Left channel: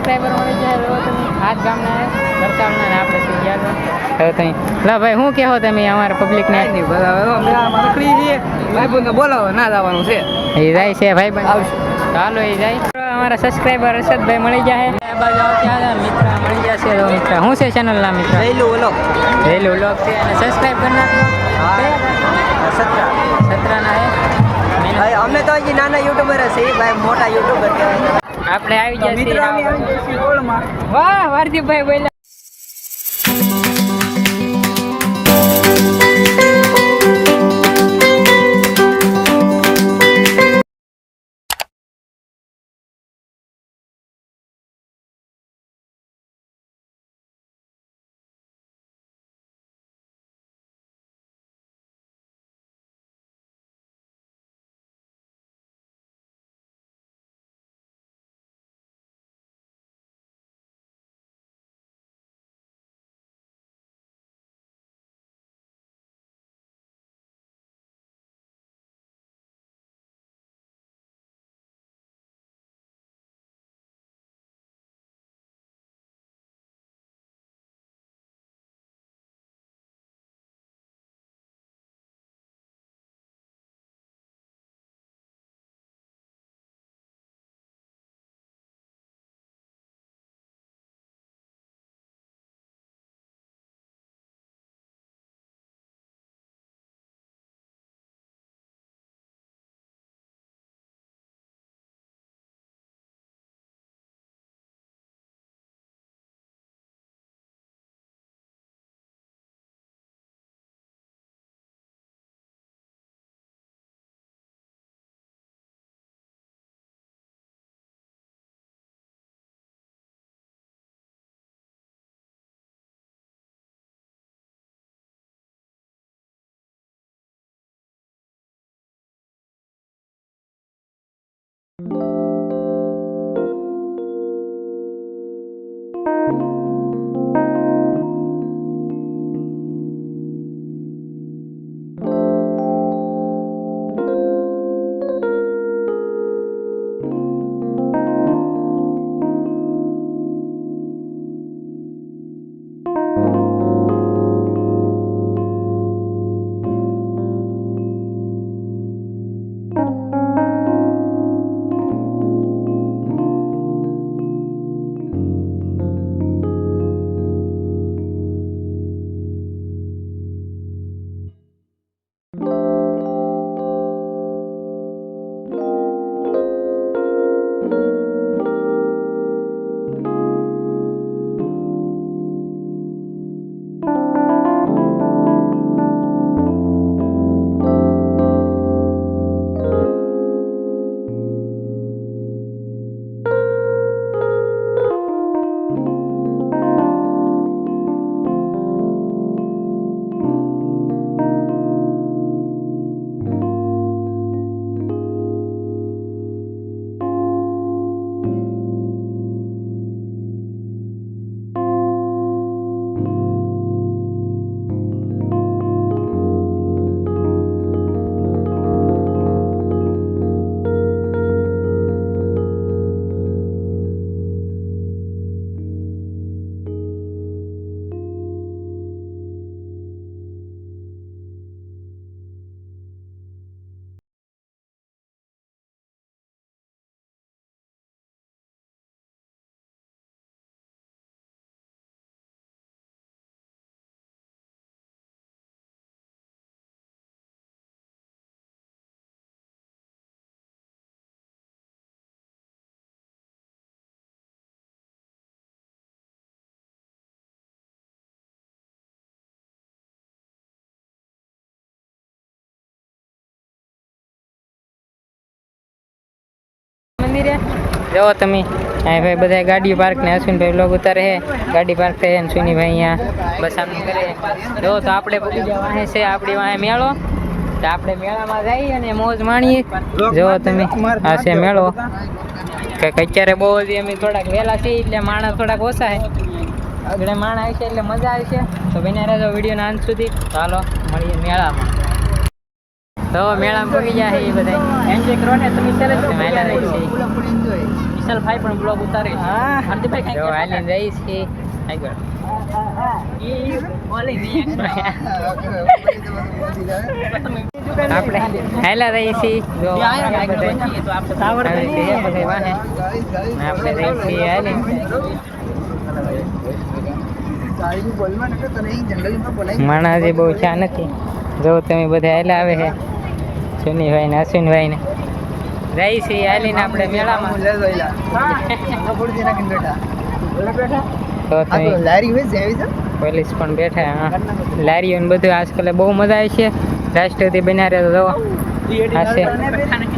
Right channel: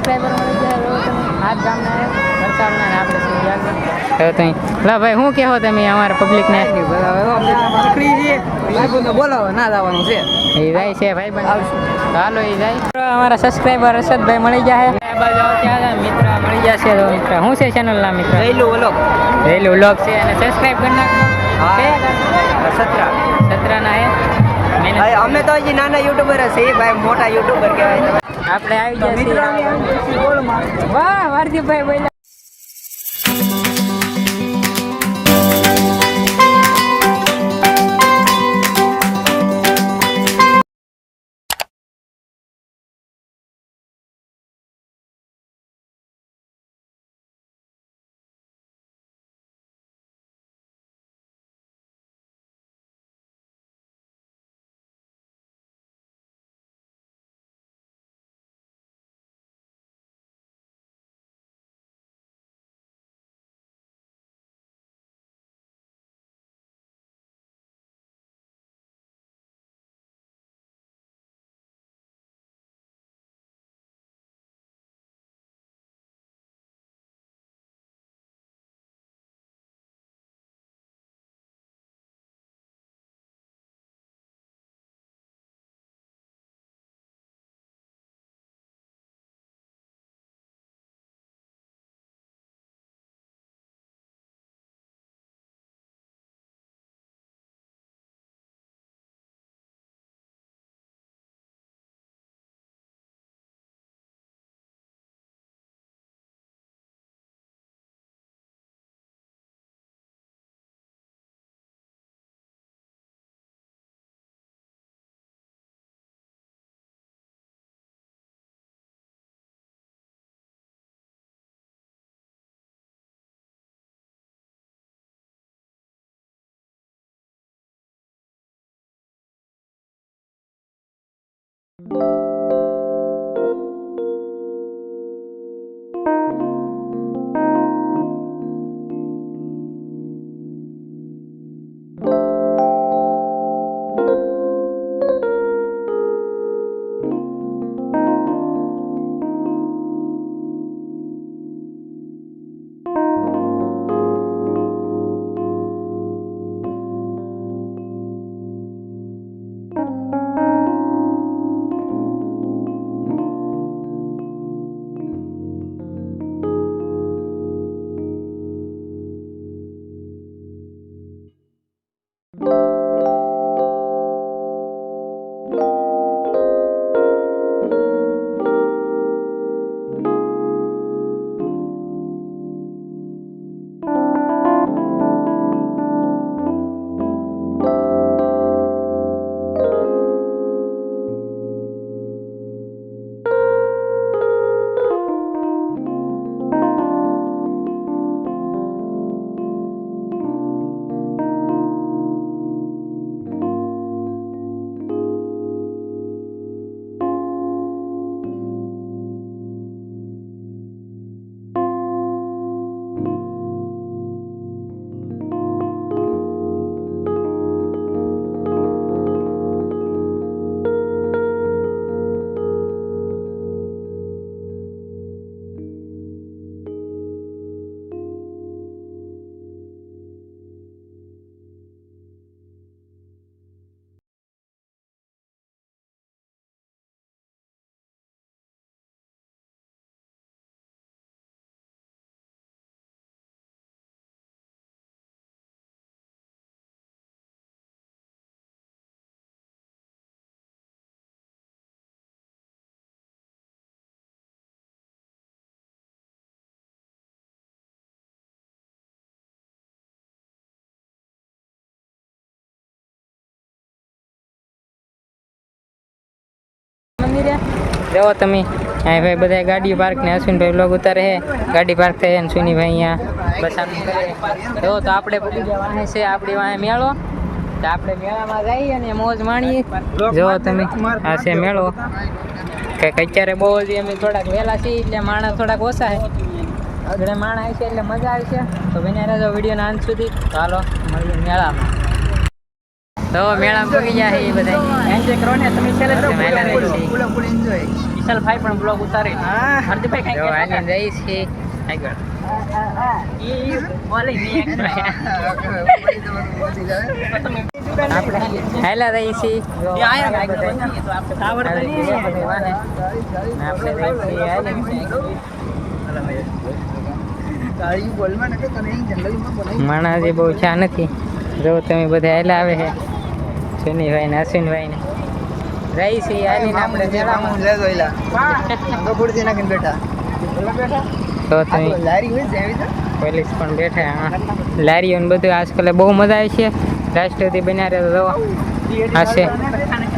Subscriber મળી જાય. હવે તમે હાથ ગામના વરસાદના ને આપણે થઈ ગયા. હવે તમે લા ભાઈ શું કહો તમે અમારા પબ્લિકને? રખડી જઈએ ભાઈ બંધ બોલાવો ના જવાનું છે. એ જાય છે ભાઈ બંધ. ચાલો એ જાય. અમારા સબસ્ક્રાઈબર હર્ષદભાઈ મળી જાય. આ બાજુ ત્યાં મિત્ર મળી જશે. તો મિત્ર શું છે ચેનલના મિત્ર? રેલું વ્લોગ છે અને સબસ્ક્રાઈબ કરી નાખો. 17 ના હે. અમે તો હજી નાના યુટ્યુબર છીએ ભાઈ, મોટા યુટ્યુબર કહેવાય. આપણે આવી જશે. વાહ વારજીભાઈ બોલ્યા. મંદિરે જો તમે અહીં ભાઈ બધા ગાડી પાર્ક ને અશ્વિનભાઈ બ્લોગ ઉતારે છે. ગાડી પાર્ક થઈ અને સુનીભાઈ અહીંયા બસાનું કરે. જો તો આપણે પૂકી ગયા વાહે છે આપણી વાહે મેળો. તો આપણે મેળામાં જઈએ અને મોજ માણીએ. જો તમે આ છે મેળો. કંઈક અત્યારે બહુ હજી અમે થોડાક વહેલા છીએ એટલે માણસ થોડાક ઓછા છે. આગળ માણસ આવશે એટલે મજા આવશે. તો બન્યા રહેજો વિડીયોના અંત સુધી. ચાલો મળીએ મેળામાં. તો મેળામાં પગી જાય એ બધા એન્જોય કરવાને તમે મેળા રહી છે વિશાલભાઈ પણ બ્લોગ ઉતારે હાર્દિકભાઈ જો હાલીને જઈ છે આગળ આપણે હાલા રહી છીએ જો આપણે રહી છીએ હાલી માણસ બહુ ચા નથી જો તમે બધા હાલા આવે છે સુનીભાઈ ને અશ્વિનભાઈ ને રહી છીએ હાલીને આપણે મેળામાં તો તમે પોલીસ પણ બેઠા હા લારીઓ ને બધું આજકાલ બહુ મજા આવે છે રાષ્ટ્રપતિ બન્યા રહે તો હશે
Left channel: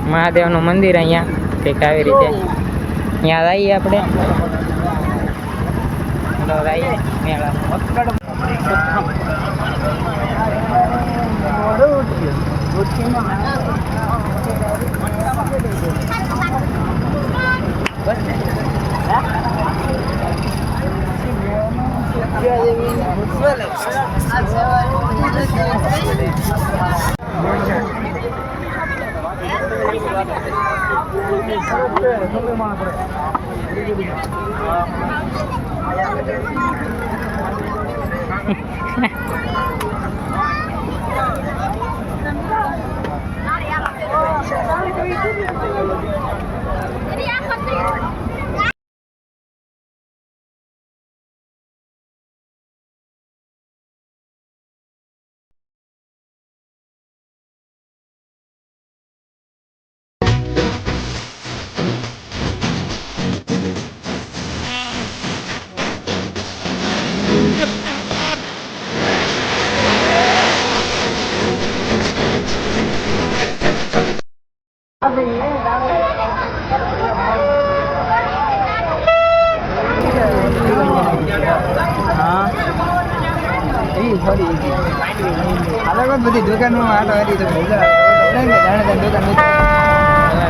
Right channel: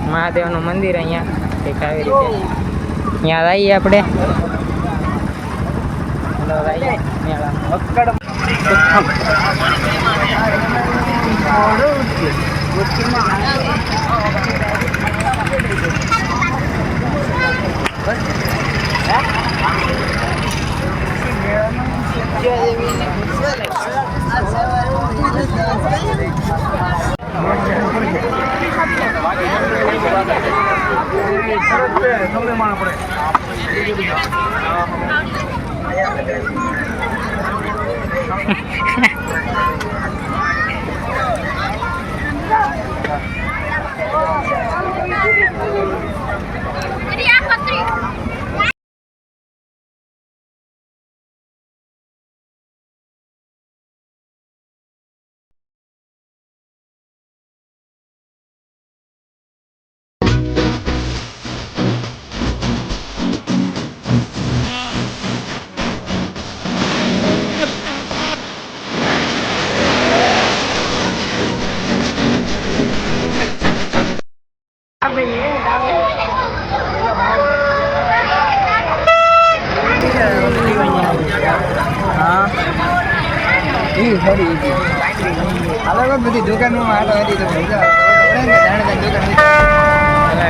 મહાદેવનું મંદિર અહીંયા કંઈક આવી રીતે ત્યાં આવીએ આપણે આવીએ મેળામાં બધી દુકાનો આટો હતી તો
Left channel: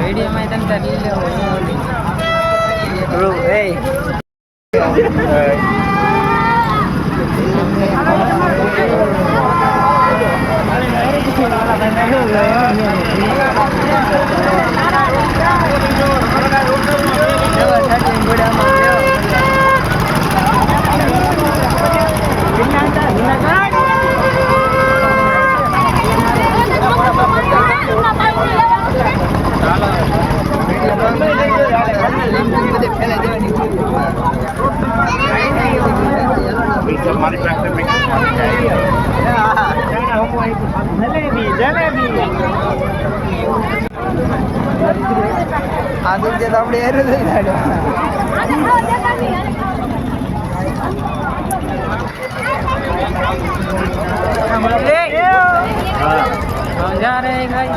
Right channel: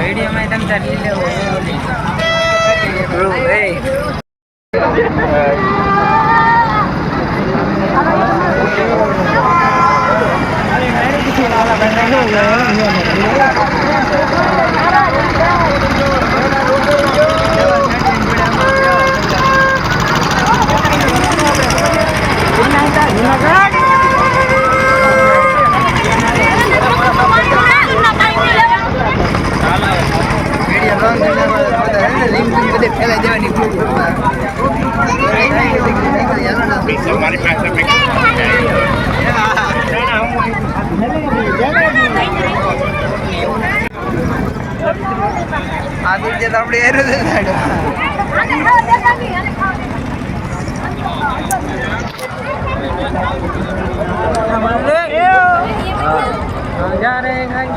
વિડીયોમાં તમે તાર લઈ લેવો આ તો જે આપણે એરો છે સાડો हम जा रहे हैं गाइस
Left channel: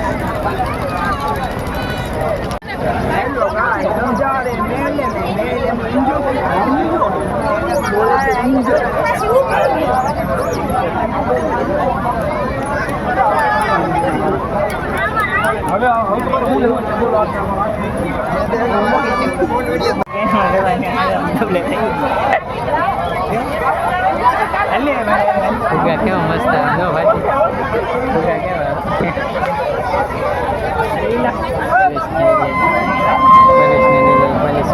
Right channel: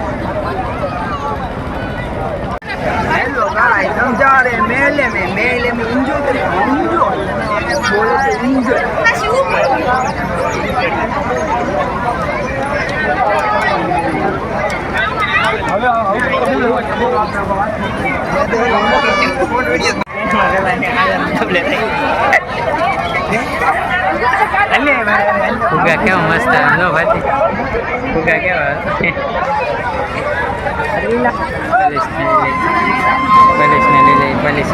हेलो गाइस हम जा रहे हैं मेले में एंजॉय फुगा केवा मस्त नो भाती फुगा केवा પોલીસ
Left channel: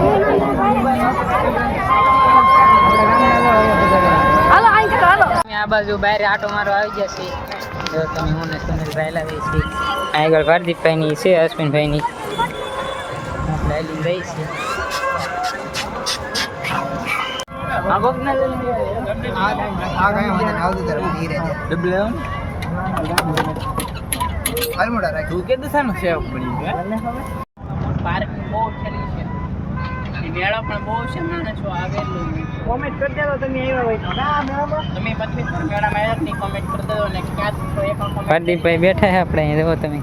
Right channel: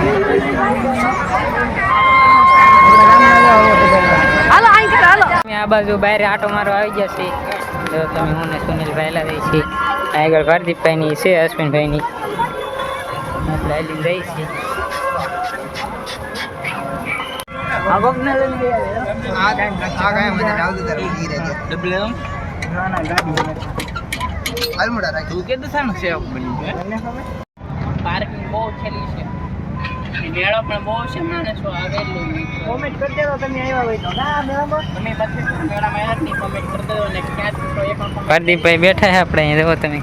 આ બાજુ બહાર આટો મારો આવી જશે જો તમે હું ને સુનિલભાઈ લા રહી છીએ આગળ ભારદીપભાઈ ની છે અશ્વિનભાઈ ની આપણે આલીને રહી છીએ પાર્કિંગ બહુ છેલી છે મેળો પણ બહુ છે માણસો આવેલું કોમેન્ટ કરી દેજો તમે આવ્યા હોય તો ના મેળામાં તમે પછી મેળામાં આવ્યા નહીં કોમેન્ટ કરી દેજો ને ક્યાં તો એક પ્રદીપભાઈ બેઠા છે આપણે અહીં જુઓ તમે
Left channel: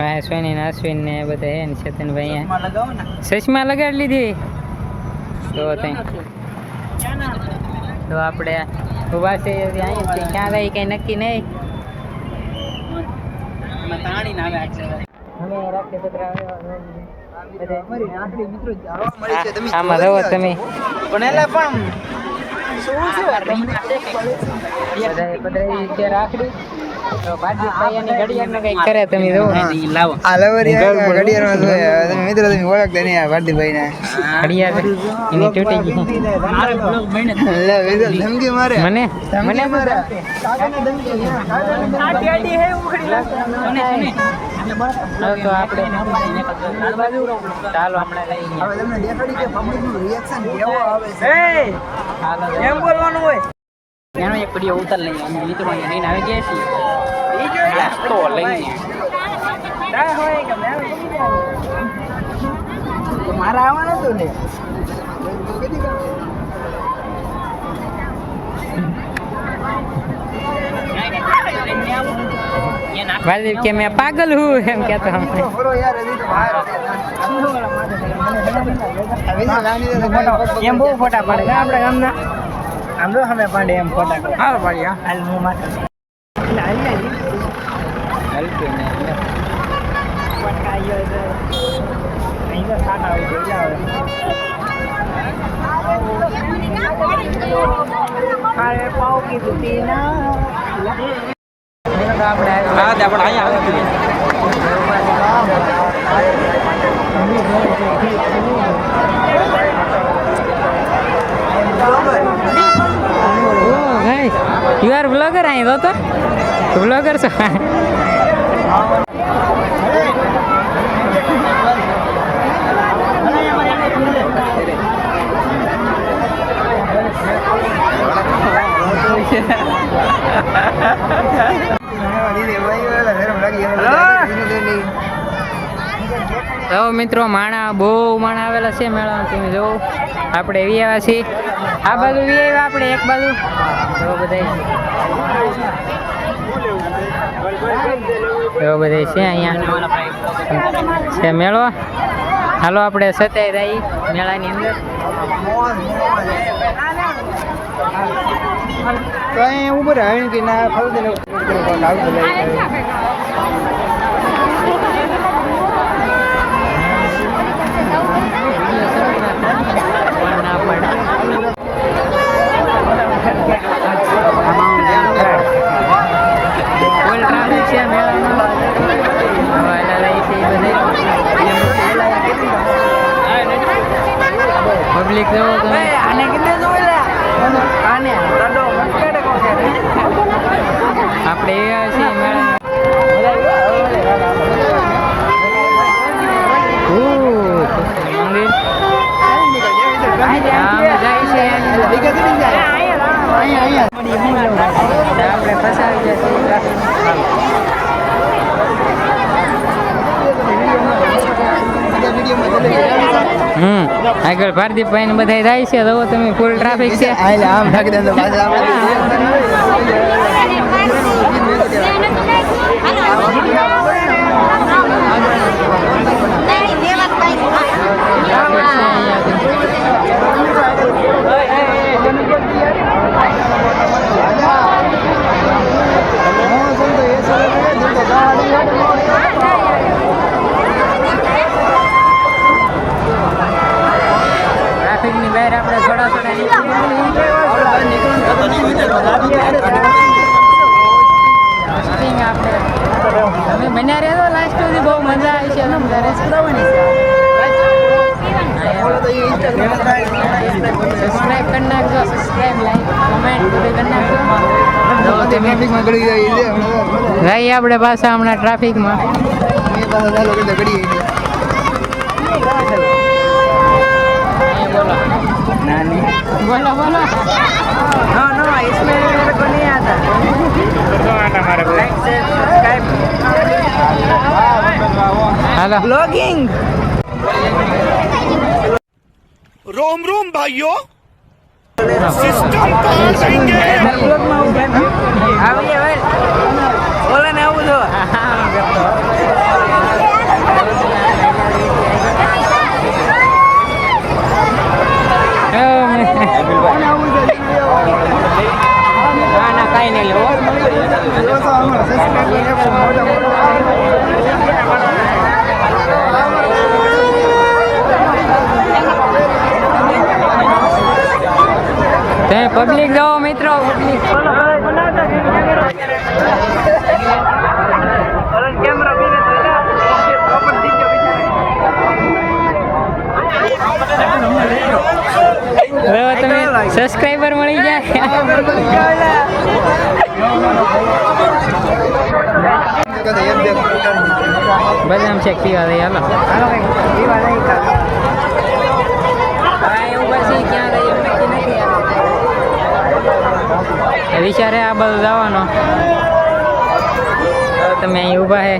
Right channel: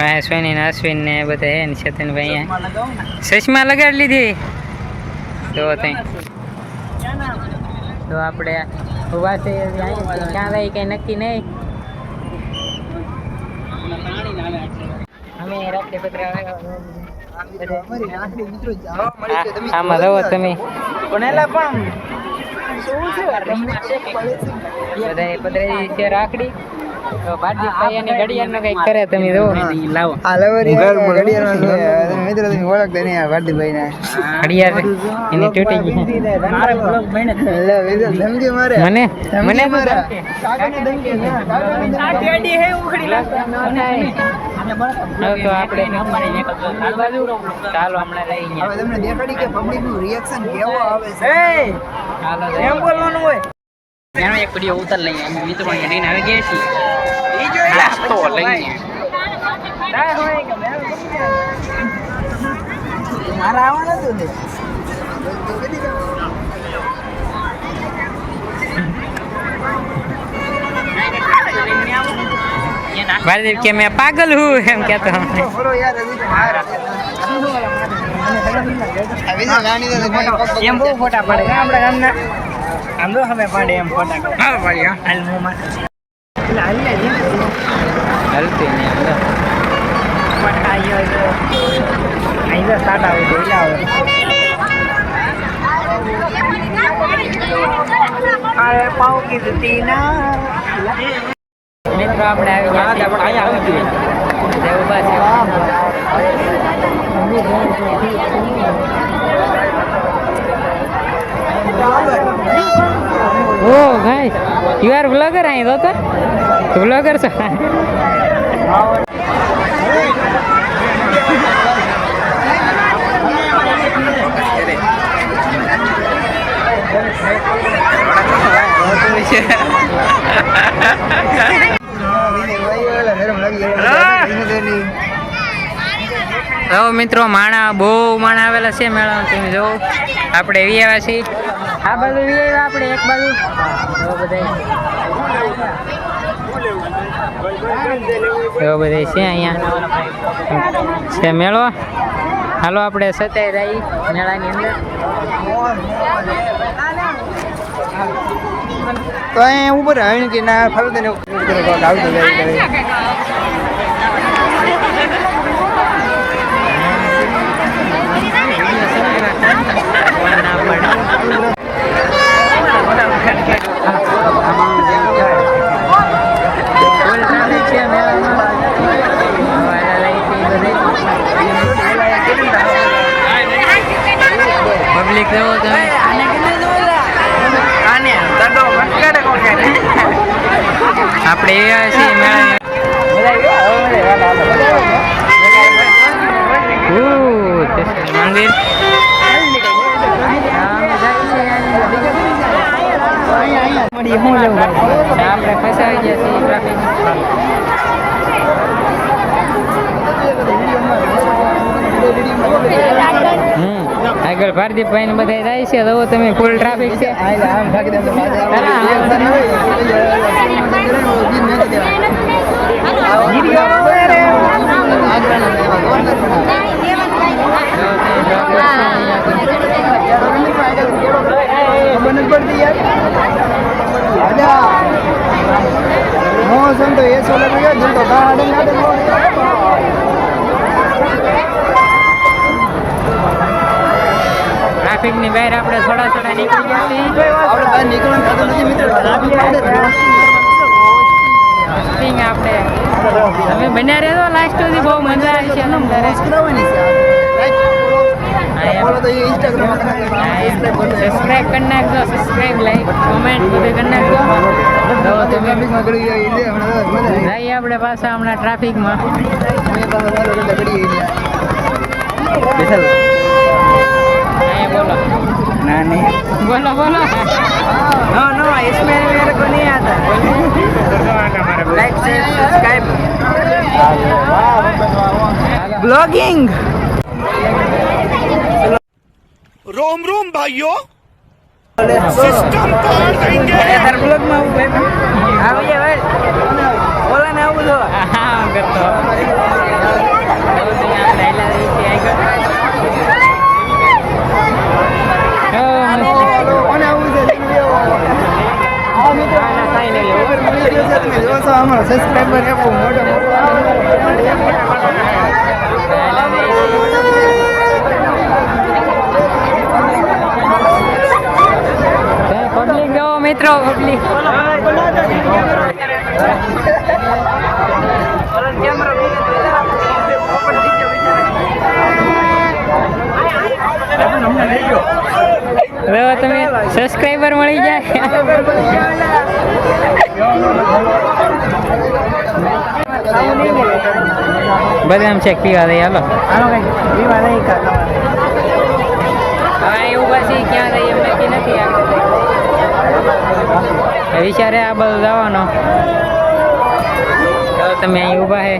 હા સોની ને અશ્વિન ને બધા હે ને ચેતનભાઈ અહીંયા ચશ્મા લગાડી લીધી તો તો આપણે ઉભા છે અહીં ક્યાં રહી કંઈ નક્કી નહીં અમે રાત્રે પત્ર આમાં રહો તમે બધા પધરાઈ રાખડી તો ભારતીભાઈ અને ઘડિયાળનું કંઈક કરે તમે જો આ લવરી ઘડિયાળમાં જોયા તમે મિત્રો તમે ઓળખતા નહીં આ ભારતીભાઈને ઘડિયાળ એની તૂટી ગઈ લે વિડિયો ધમકી મારે મને મને તો હવે તો આપણે ચાલો હમણાં લઈ ગયા હવે તમને દેખાડી કે પબ્લિક નું રિએક્શન કેવો આવે છે ચાલો એમ બોલવાનું હોય એનો એક વિડિયો ઉતાર લઈએ અમે મિત્રો અહીંયા લઈને આવી ગયા છીએ નાસ્તો લઈને મારા આવવાનું હતું ને ભારતીય કે मैं पागल हूँ એમ કહેતો અમને એમ બહુ ફોટા પડે આપણે એમને આમ તો હવે પાડે એમ ફોટા હા પાડી હાલ હું માટે એટલે હાલ ને હલતી નહીં આમ તો પણ આયો અહીં તો સ્ટાર્ટ આવે તો એટલે આવે અરે પાવ કીધી ના આપણે આવી ગયા પણ અહીંયા આવતી જેવું બાદ ઓ ગાઈસ યુ આર બ્લોગર અહીં તો બ્લોગર છો તો મિત્રો માણા બહુ માણા આવેલા છે મેળામાં તમે જો આપણે વી આવ્યા છીએ આ બાજુ વી આવ્યા આપણે એક બાજુ તો બધા છે અહીંયા છે મેળો હાલો આપણે સત્યાવી રહી મેળાની અંદર તો અહીંયા ઉપર હણ કે ના ખબર ને ના પડે ફૂલ ટ્રાફિક છે મેળામાં પબ્લિક એવો તમે આપણે એવા છીએ મેળાની મંદિર આપણે ફસાવી ગયા છીએ ટ્રાફિક આગળ ભારતીભાઈ ને બધા જાય છે તો તમે ફૂલ ટ્રાફિક છે ટ્રાફિક ની બહાર આપણે થોડા નીકળી જઈએ આપણે તમે બન્યા રહેતો લાસ્ટ સુધી બહુ મજા આવી છે તમ તારે સબસ્ક્રાઈબ કરી નાખજો સબસ્ક્રાઈબ લાઈક કોમેન્ટ બધું કરી નાખજો તો તમે જઈએ આપણે પાછા હમણાં ટ્રાફિકમાં बोलो नानी बोलो बोलो नो नो इसमें मेरे को नहीं आता हेलो ब्लॉगिंग रोम रोम भाइयों सिस्टम पार देंगे बोला ना वो तो हाँ करतो પબ્લિક જો મિત્રો હવે તમે સબસ્ક્રાઈબર મળી જાય બદામ શેક પીવા દઈએ હાલો હા એવું પછી ક્યાં દઈએ એમ નક્કી નથી વિચારે આ બધું જવાનો તમે અહીં ઊભા હે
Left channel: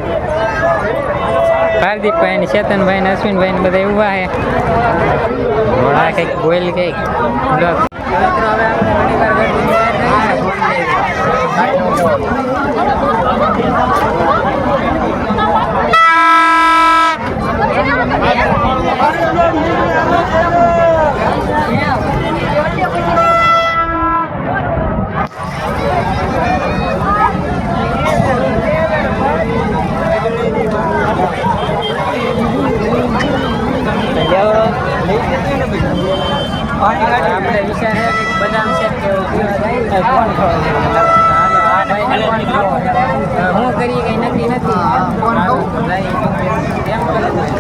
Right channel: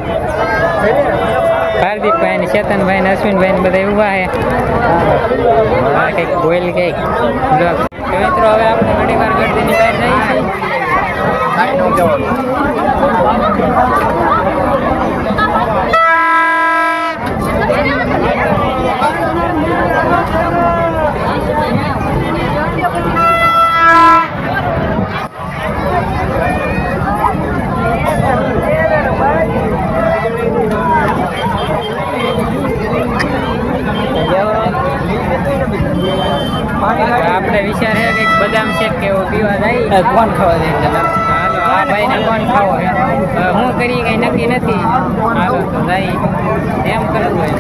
હાર્દિકભાઈ ને ચેતનભાઈ ને અશ્વિનભાઈ ને બધા ઊભા હે ઘોડા કંઈક બોલ કંઈક બ્લોગ મિત્રો હવે આપણે ઘણી વાર ગળદીની બહાર જઈએ છીએ આપણે વિચાર છે કે બદામ શેક કેવું પીવા જાય કોણ ખાવા હાલો આ ભાઈ ને કોણ ખાવો હું કરી કઈ નક્કી નથી હાલો તો જાય એમ કરવું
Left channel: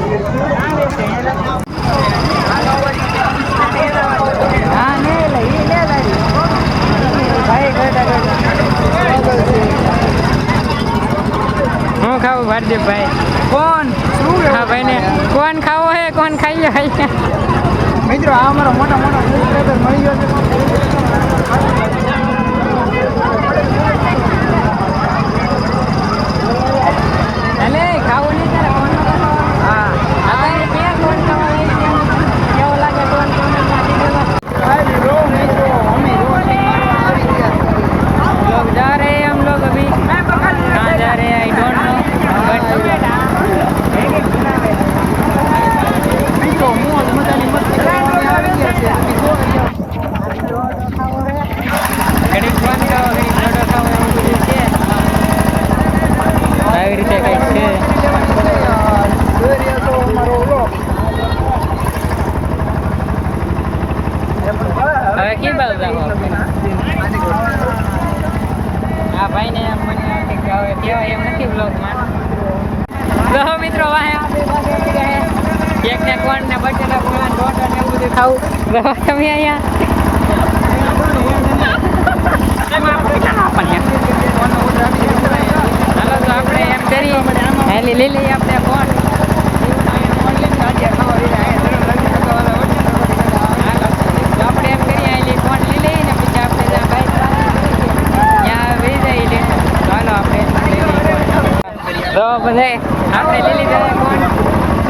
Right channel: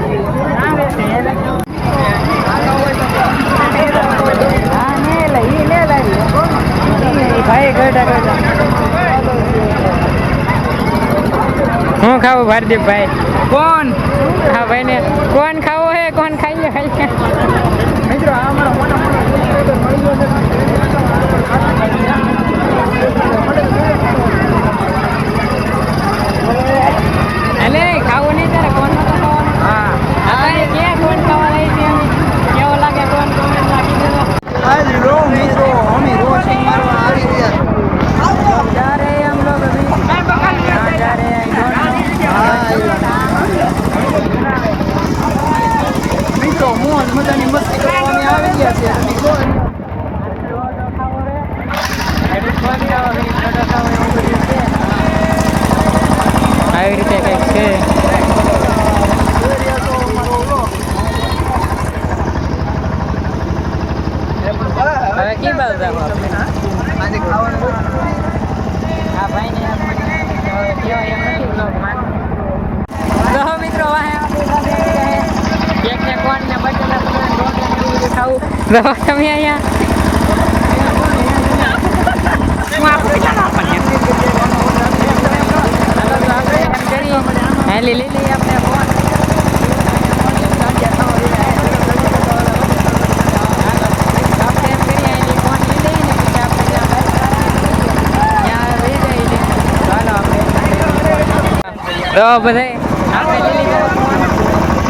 હા ને લઈ ને હું ખાવું ભારદીપભાઈ કોણ હા ભાઈ ને કોણ ખાવો હે કોણ ખાઈ જાય મિત્રો અલે ખાવું નહીં તારે કોણ નતો ખાવાનું હા અત્યારે ક્યાં કોણ ખાવા લઈ કેવો લાગે કોણ કોમેન્ટમાં કીધું जा रहे हैं हम लोग अभी कहाँ जा रहे हैं आई डोंट नो बट ઘડીક ફોન ખાવો ઘડીક લોડો ખાવો એવું બધું છે આવી રીતે કંઈક છે હવે કે બાજુ જાવ આપણે આ ભાઈને મને કહેવાય એમ નથી બ્લોગમાં તો મિત્રો વાહે આપણી પાસે એક ને કોણ ને બટેટા પૂરા રોટ ને એવું બધું ખાવું તો તમે અહીંયા હાલો તો આપણે એમ કરીએ હેલી લીલી આપણે કોણ હાલો તો આપણે એમ કરીએ હેલી કોણ લીલી ને પછી આપણે ત્યાં બાઈક ત્યાં વહી જાય ચાલો આપણે લીલી કોણ તો બધા આપણે લીલી જાય કોણ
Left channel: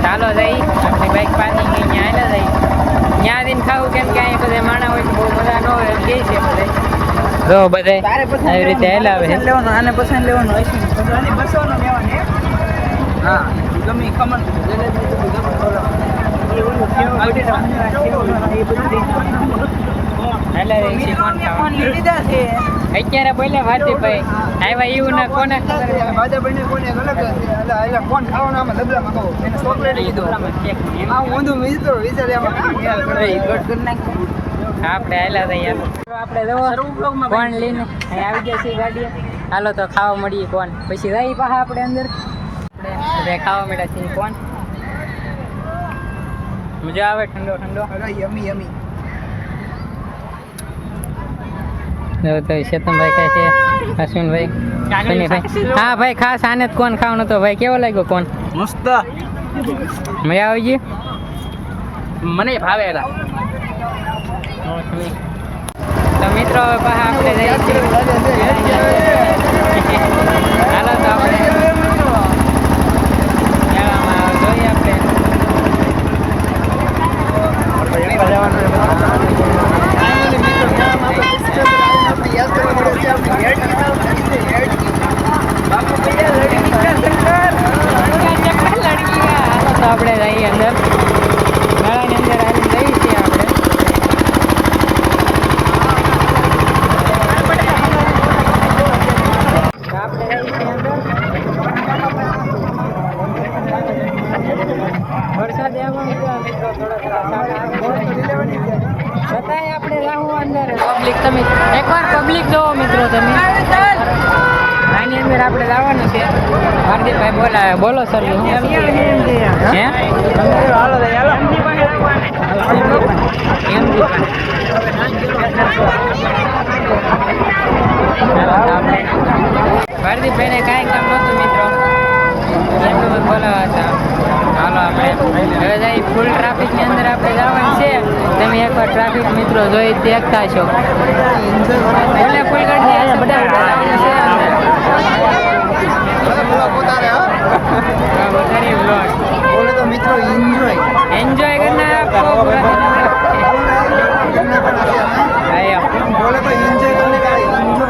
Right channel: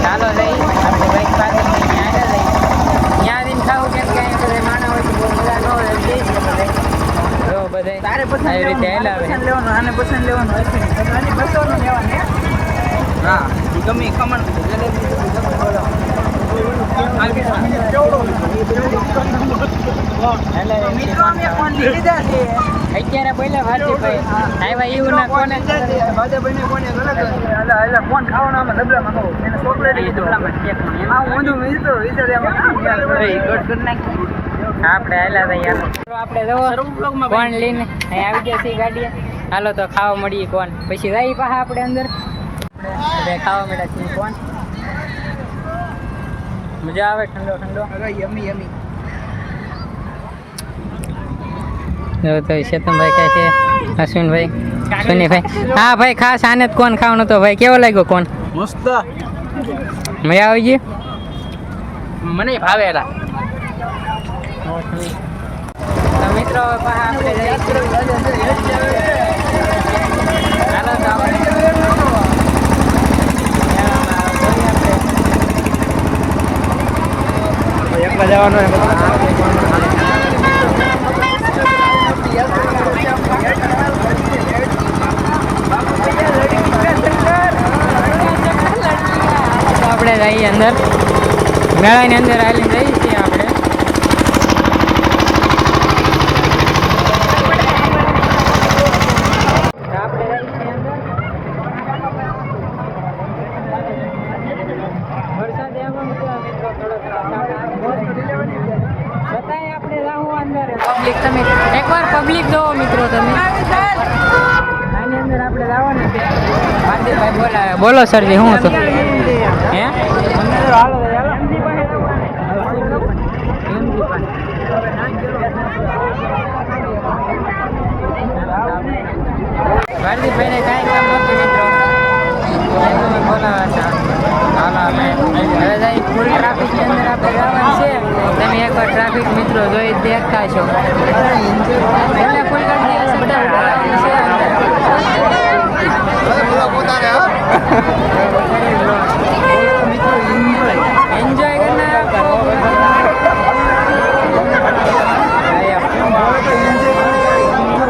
ચાલો જઈ આપણે બાઈક પાર્કિંગ અહીંયા આવેલા જઈ ત્યાં જઈને ખાવું કેમ કે અહીંયા બધા માણા હોય તો બહુ મજા ન હોય એમ કહે છે બધા તો બધા આવી રીતે હલાવે આને પસંદ લેવાનું બસોનું લેવાનું હા ગમે ખમણ બોલો અત્યારે બોલ્યા ભારતીભાઈ આવ્યા એવું ના કોને ભાજપભાઈ ને કોને ગલત કોણ ખાવાનું આમાં ડબલામાં ખાવું એને ચોકલેટ ઊંધું વિચાર આપણે હાલા થઈ આપણે જવો કોણ લઈને અહીં આવી ગયા છીએ ગાડીએ હાલો તો ખાવા મળીએ કોણ પછી જઈ પાછા આપણે અંદર આપણે બધા ખાવા મળ્યા છીએ કોણ મજા આવે ઠંડો ઠંડો યમી યમી તો ચેતનભાઈ ખાય છે અશ્વિનભાઈ સુનીભાઈ હા ભાઈ ખાસ આને જ કોણ ખાવાનું તો ભાઈ કેવો લાગ્યો કોણ મસ્ત મજા આવી ગઈ મને ભાવેલા તો મિત્રો પાછા આપણે જઈએ છીએ હાલો તો આપણે મેળામાં જોઈએ આપણે આપણે જઈએ અંદર મેળાની અંદર હાલીને જઈએ છીએ આપણે છતાંય આપણે એકવાર પબ્લિક જોવો મિત્રો તમે. આની અંદર આપણે જવાનું છે. હાર્દિકભાઈ બોલાવે. બોલો સરજી શું હતું? હે હાલો ભારદીપભાઈને કાંઈ કામ નહોતું મિત્રો, એમને મને બોલાવ્યા હતા. હાલો આપણે હવે જાય ફૂલ ટ્રાફિકની અંદર આપણે જવાનું છે. તમે એકવાર ટ્રાફિક મિત્રો જોઈ દેખતા છો. ફૂલે ફૂલ ગાડી જવાનું છે અંદર. વધારે બ્લોગ એન્જોય કરના આપો પૂરા.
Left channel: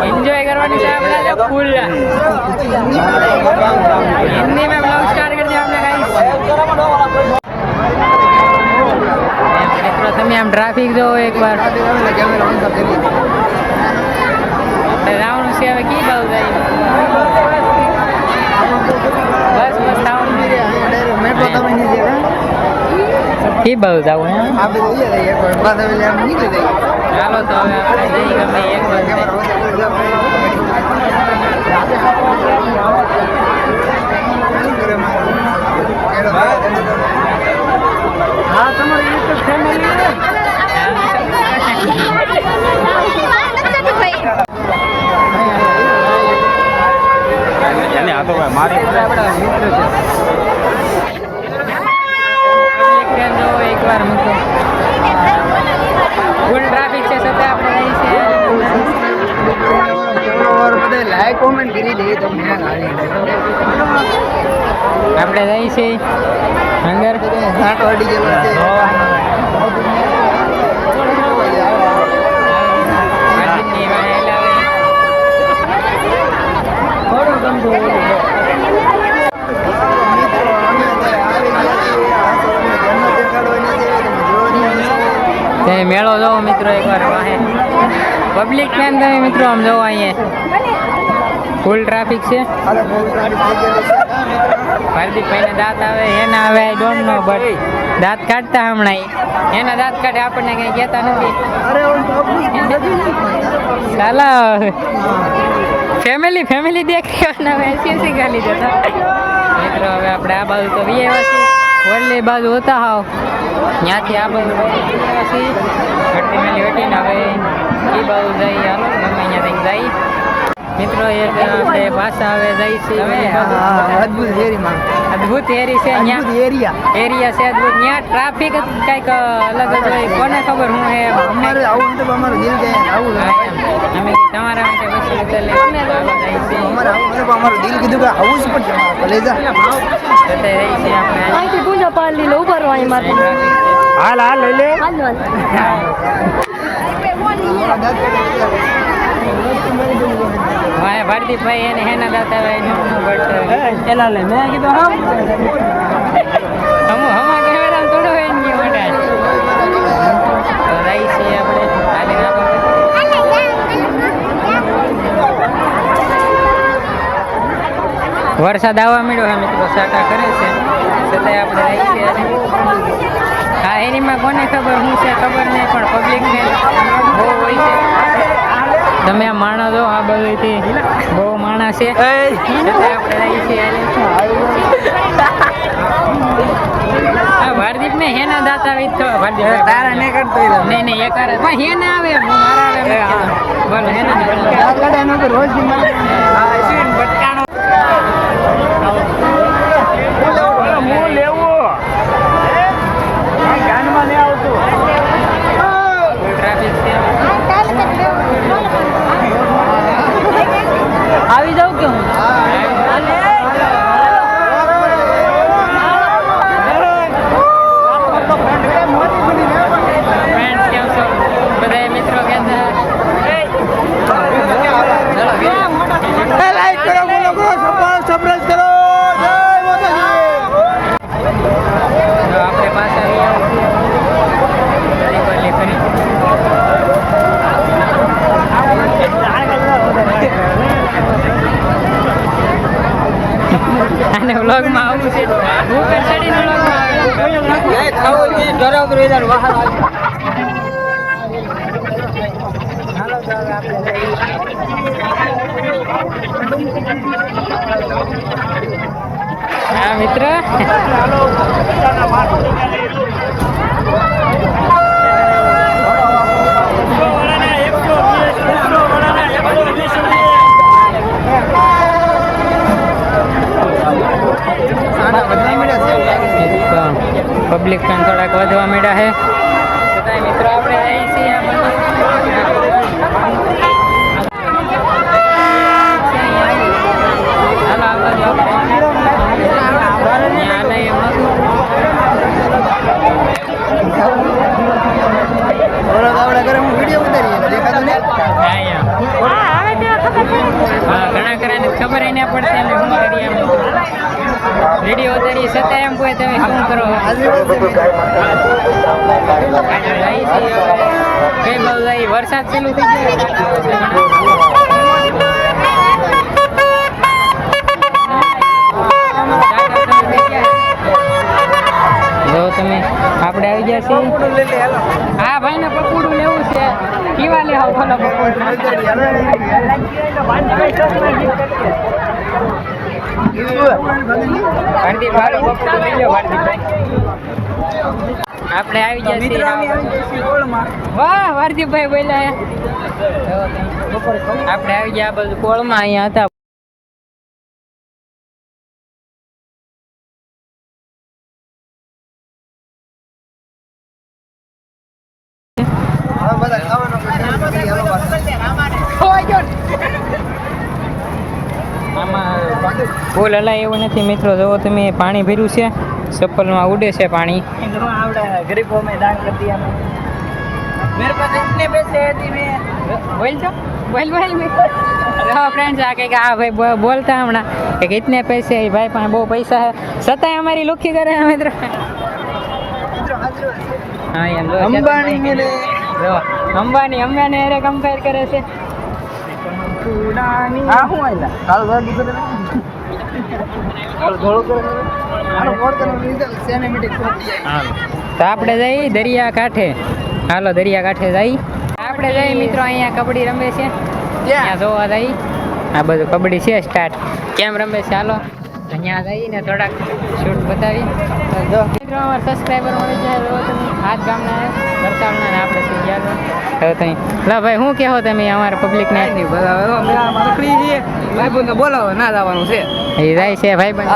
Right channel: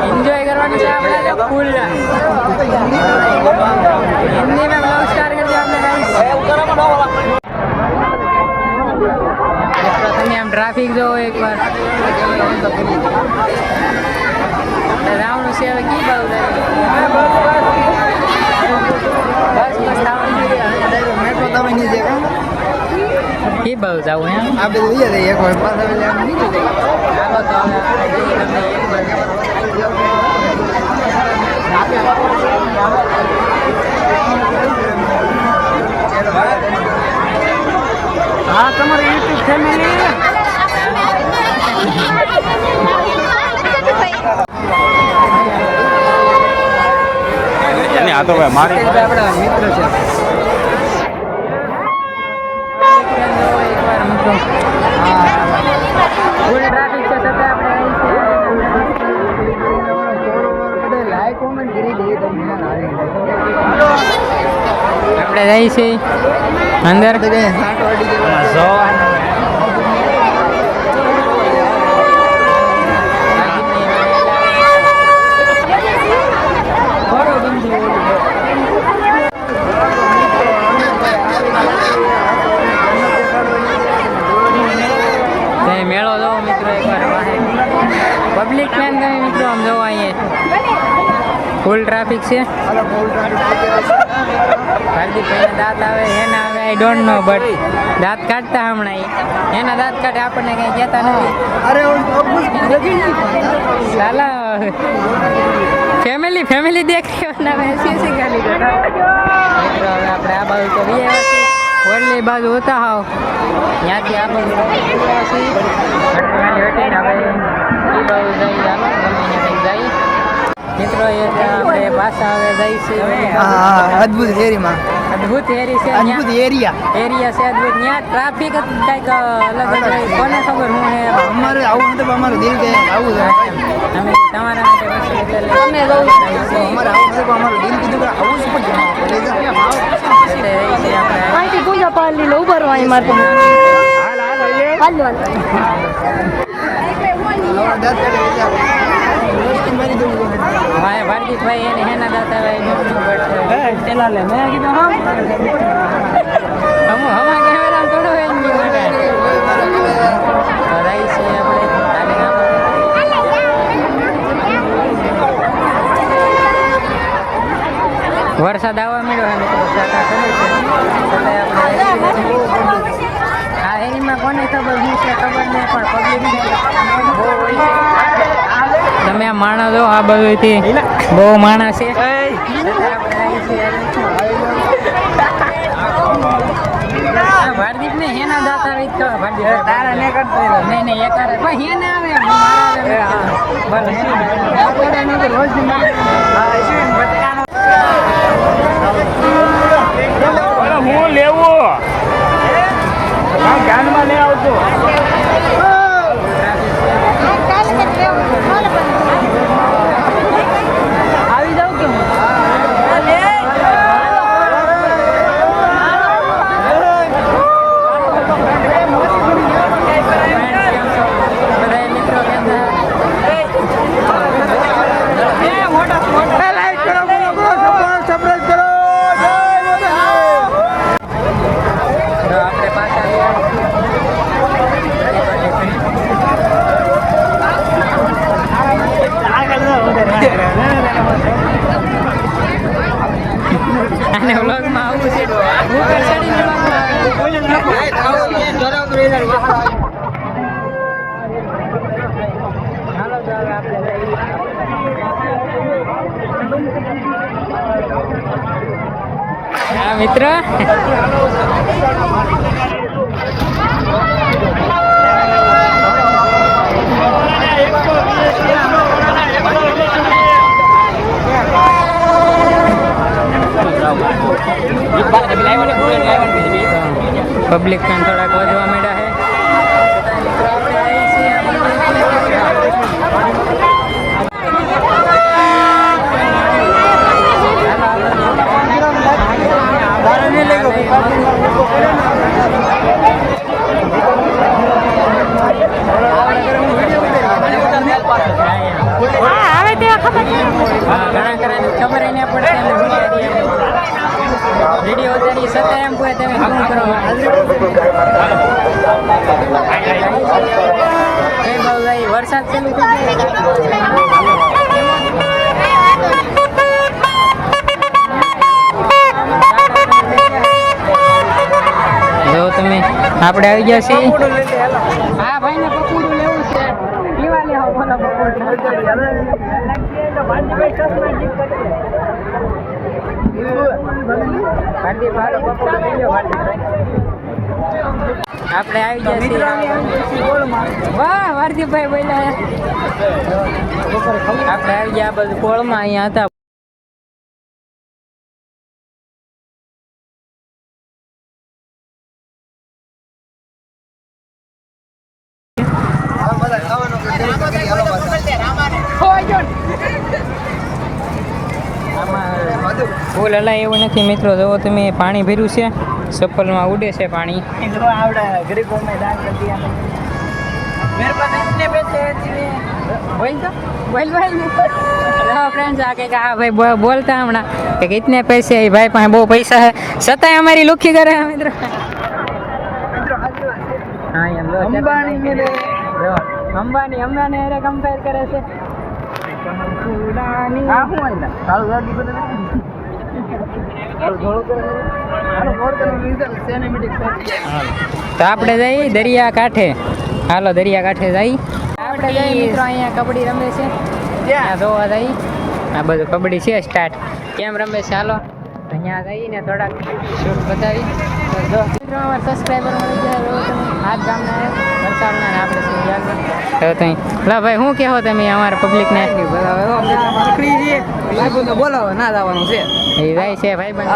एंजॉय करवानी है अपना जो फुल हिंदी में ब्लॉग स्टार्ट कर दिया आपने गाइस. તમે આમ ટ્રાફિક જો એકવાર આપણે જવાનું છે હવે કી બાજુ જાય? બસ બસ થવાનું મેટ્રો તમે નહીં જવા કી બાજુ જવું એમ? આ બધું લઈ જાય એક વાર પાછા નીકળી જાય. ચાલો તો હવે આપણે જઈએ ગમે એક બાજુ. હા તમારી યુટ્યુબ ફેમિલી આ તો ભાઈ મારી આપણા મિત્ર છે. એકવાર મિત્રો ફૂલ ટ્રાફિક છે છતાં આપણે અહીં છે. લાઈક કોમેન્ટ કરી દે તો આપણે જઈએ છીએ અંદર. મેળો જોવો મિત્રો એકવાર વાહે પબ્લિક ને તમે મિત્રો આમ જોવો અહીંયા ફૂલ ટ્રાફિક છે. હાર્દિકભાઈને દાંત આવે એને આવે આઈ ડોન્ટ નો બટ દાંત કાઢતા હમણાં એના દાંત કાઢે આપણને કંઈ કહેતા નથી. સાલા ફેમિલી દેખી એસી ગાલી દેતા મિત્રો. હવે આપણે આ બાજુ તો વીએ ઓરલી બાજુ હોતા હાવ ત્યાંથી આ બાજુ ઘટની વેટીને હવે એ બાજુ જઈ. હાલો ગમે અહીંયાથી જઈ મિત્રો. એક આપણે પાછા હવે જઈ છીએ ઓલી બાજુ. અદ્ભુત હેરીમાં અદ્ભુત એરી છે અદ્ભુત એરિયા છે અદ્ભુત. ત્યાં ટ્રાફિક કંઈક અલગ જ હોય. કોને ખબર હું હે અમારું આવું તો અમારું દિલ કહે આવું અમે તમારા માટે પછી અમારે આવું નથી અમારું દિલ કીધું કે આવું જ પણ લઈ જા રહી છીએ આપણે. અહીંથી પૂજા પાડી લો ઉપર વાળી માટે હાલ હાલ લઈ લે હાલ આવડા દાંત કાઢે મારી દઉં હા ભારતીભાઈ એને હેના દાતા ભાઈ ડોન્ટ નો બટ એના લે મેં કીધું હા હમા કેમેરા થોડો હોય ને મોટા તો રહી છીએ આપણે ચાલી ના પડે. વરસાદ આવવા મળ્યો અમે તો સાકા કરે છે છતાંય આપણે રહી છીએ. આ એરીમાં કોને ખબર શું છે ખબર નહીં પણ પબ્લિક ને બહુ હોય છે. તમે આ માણસ જો આ બધુંથી બહુ માણસ છે છતાંય આપણે રહી છીએ. ભારદીપ ને હેના દાંત આવે ભારદીપ નહીં નહીં એક આવે પણ હેના આવે હું મારા આવે બોલો હેના હું લેવો ગાનમાં નહીં આવતો ટ્રાફિક છે આવી જાઉં કે હું ફ્રેન્ડ્સ કેમ છો બધા મિત્રો કેમ છે? આપણે પાછા આને વ્લોગમાં આવું છે ઉપર ચડીને વ્લોગમાં આવે. હા મિત્ર, પબ્લિક પણ થોડાક વધવા માંડ્યા છે. છતાંય મિત્રો આપણે આવી છીએ આ બાજુ. હાલો આ બાજુ ત્યાં લઈ હા ઘણા ખરાને ખબર ય ના પડશે અમે શું કરીએ એમ વિડીયો ઉતારી છતાં એમ કહે તમે શું કરો. કઈ બહુ જાય વરસાદ ચાલુ થઈ ગયો. જો તમે આપણે આવી ગયા છીએ. હા ભાઈ ને પકોડું લેવું છે. કેવા લે આવો ભલા પકોડું? ભારતીય ભાલો પકોડું લઈ લો ભારતીયભાઈ. આપણે આવી ગયા છીએ. વાહ ભારતીયભાઈ બોલ્યા. આપણે આવી ગયા આ બધું કોળમાં અહીંયા હતા. આમાં ફૂલ હલાય એવું નથી મિત્રો. જુઓ તમે પાણી ભર્યું છે, ચપ્પલમાં ઉડે છે પાણી. ફ્રેન્ડ્સ આ કંઈક આ ભાઈ બોલતા હમણાં કે ઇતને પૈસે ભાઈ પાસે બહુ પૈસા છે છતાંય અમારી લુખી કરે મિત્રો. હા એમ અંબાની અરે કમ્પેર કરે છે. તો આપણે જઈ દરિયા કાંઠે. હાલો દરિયા કાંઠે જઈ. આપણે જઈ મિત્રો અહીંયા કબડ્ડી રમે છે, ત્યાં જોવા જઈ. આ બધું કબડ્ડી છે સ્ટાર્ટ. કેમ રમે છે હાલો અહીંયા જઈને થોડાક શૂટ બતાવી. મિત્રો અમારા સબસ્ક્રાઈબર મળી જાય. તમે હાથ ગામના વરસાદના ને આપણે થઈ ગયા. તમે લા ભાઈ શું કહો તમે અમારા પબ્લિકને? બોલાવો ના જવાનું છે. એ જાય છે ભાઈ બંધ.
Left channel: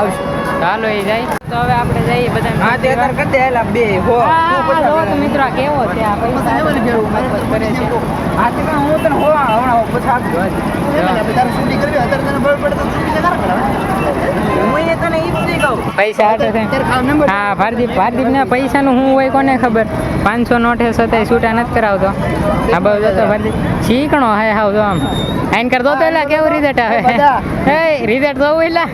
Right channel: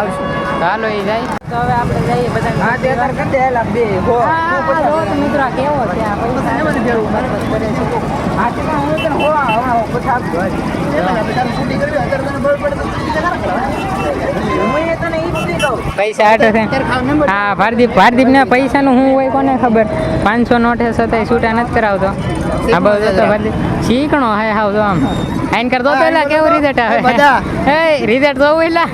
હાલો એ જાય. તો હવે આપણે જઈએ બધા. મિત્રો આ કેવો છે? આ પૈસા કરે છે. પૈસા આટે છે. હા ભારદીપ ના પૈસા નું શું હોય કોને ખબર. 500 નોટ છે છતાંય છૂટા નથી કરાવતો. આ બધું તો ભારદીપ શીખણો હે હાવ તો આમ આઈન કરતો તો એલા કેવું રિઝલ્ટ આવે. હે રિઝલ્ટ જોવું એલા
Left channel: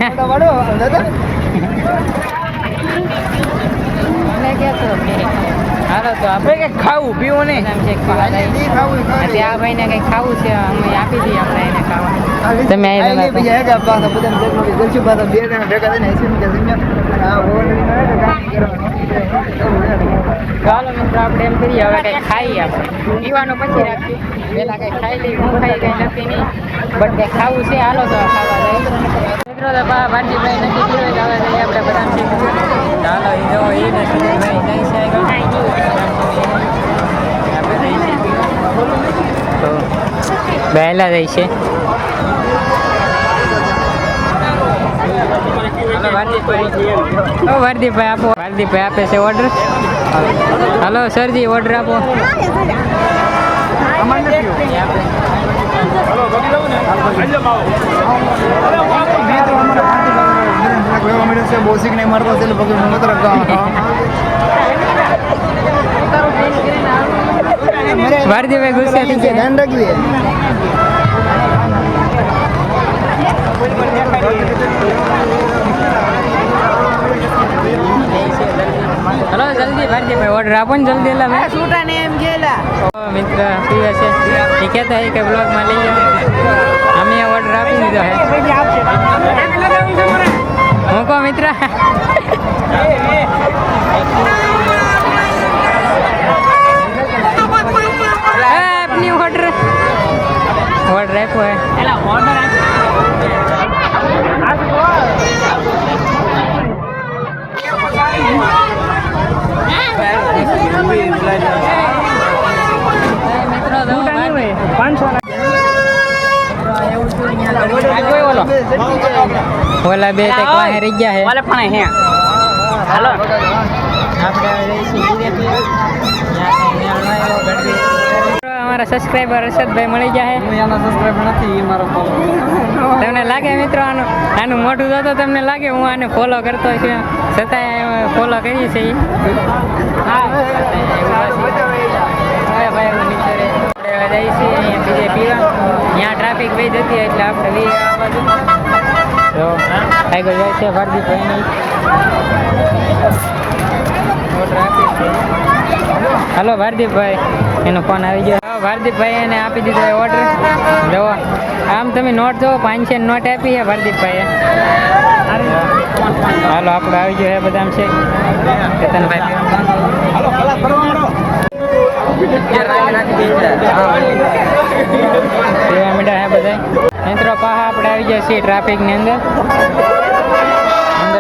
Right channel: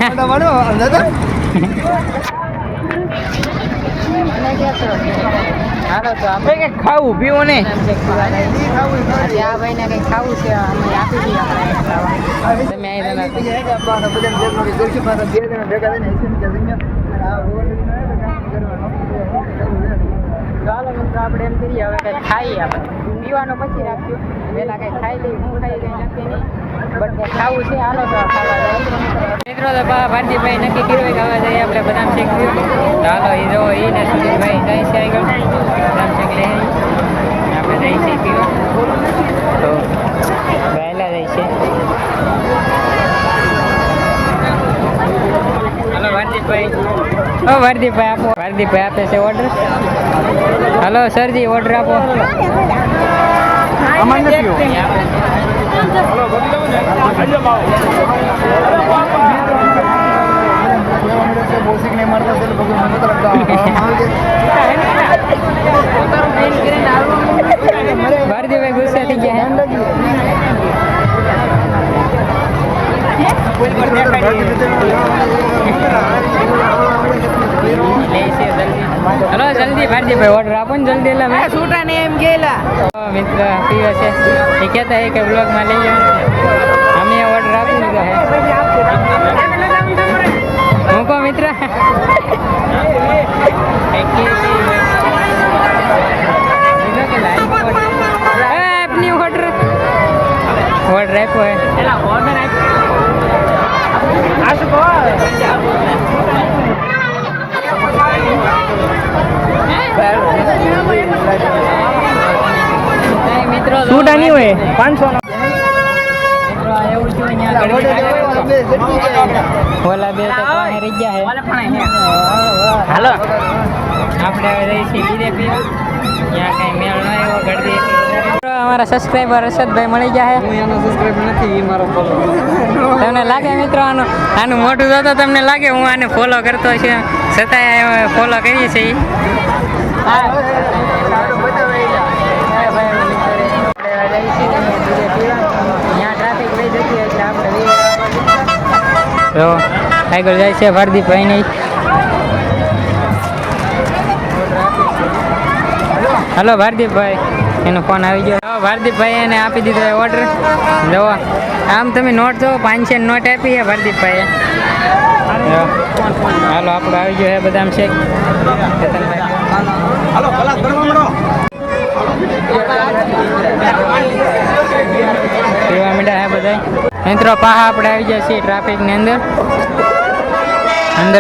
હાલો તો આપણે કંઈક ખાવું પીવું નહીં. આ ભાઈને કંઈક ખાવું છે અમે આપી દઈએ હમણાં એને ખાવા. તમે ચાલો મિત્રો આપણે એમ કરીએ હવે કંઈક ખાઈએ. આપણે પીવાનું પછી રાખીએ. પહેલાં કંઈક ખાઈ લઈએ. હું ખાઈ કંઈ નક્કી નહીં બટ કંઈક ખાવું છે. હાલો તો ખાવા જાય મિત્રો. તો ભારતીભાઈ નક્કી કર્યું કે હવે જઈએ આપણે બદામ શેક પીવા. ચાલો એ જો એને સુધીરભાઈ જાય છે આગળ બદામ શેક લઈ આપણે જઈએ છીએ પીવા. તો વહેલા જાય છે. હાલો ભારદીપભાઈ આપો. ભારદીપભાઈ આપે છે ઓર્ડર. હાલો સરજી ઓર્ડર આપો. આપે છે. ભારદીપભાઈ ગુસ્સે થઈ ગયા. હલો જલ્દી ભારદીપભાઈ ઓર્ડર આપો ને જલ્દી. એટલે મેં છૂટા ને એમ ગયેલા મિત્ર પીવે છે એ કહેતા કે બ્લોગમાં લઈ જાઓ. અમે ઓર્ડર આપી દીધો હે. હું કહો મિત્ર આપની ઓર્ડર ઓર્ડર આપ્યો હે એલા ઓર્ડર મિત્રો ટૂટાની હોય 500 ઓલા બે તો ક્યાં રહી ગયા હે વાલે પણ હે હેલો આપણે હવે જઈશું બીજે પીવા ત્યાં કઈ મેળ ન આવ્યો ગળદી અમારા સબસ્ક્રાઈબર હર્ષદભાઈ મળી ગયા હે હું એનો સબસ્ક્રાઇબ નથી એ મારો ફોલો તમને લાગે મિત્રો આનું મોટું જોતો તમને લાગે હું આને ફોલો કરતો છે છતાંય ફોલો કરીએ છીએ બીજે પીવા ત્યાં ટ્રાફિક વહી જતી એટલે આપણે તો આગળ જાય છે ભારદીપભાઈની ઓર્ડર આપી છે હલો ભારદીપભાઈ એનો ફોન આવી ગયો ભારદીપભાઈ એને આપી દીધો ઓર્ડર જુઓ આમ તમે નોટ જુઓ 500 નોટ આપી છે ભારદીપભાઈએ હાલો આપણો આવી ગયો છે બદામ શેક કેતનભાઈ હાલો કલાક કરવા માંડો પીવા મીઠા હે બધા મિત્રો પાહા આપણે આવી ગયા છીએ ટ્રાફિકની અંદર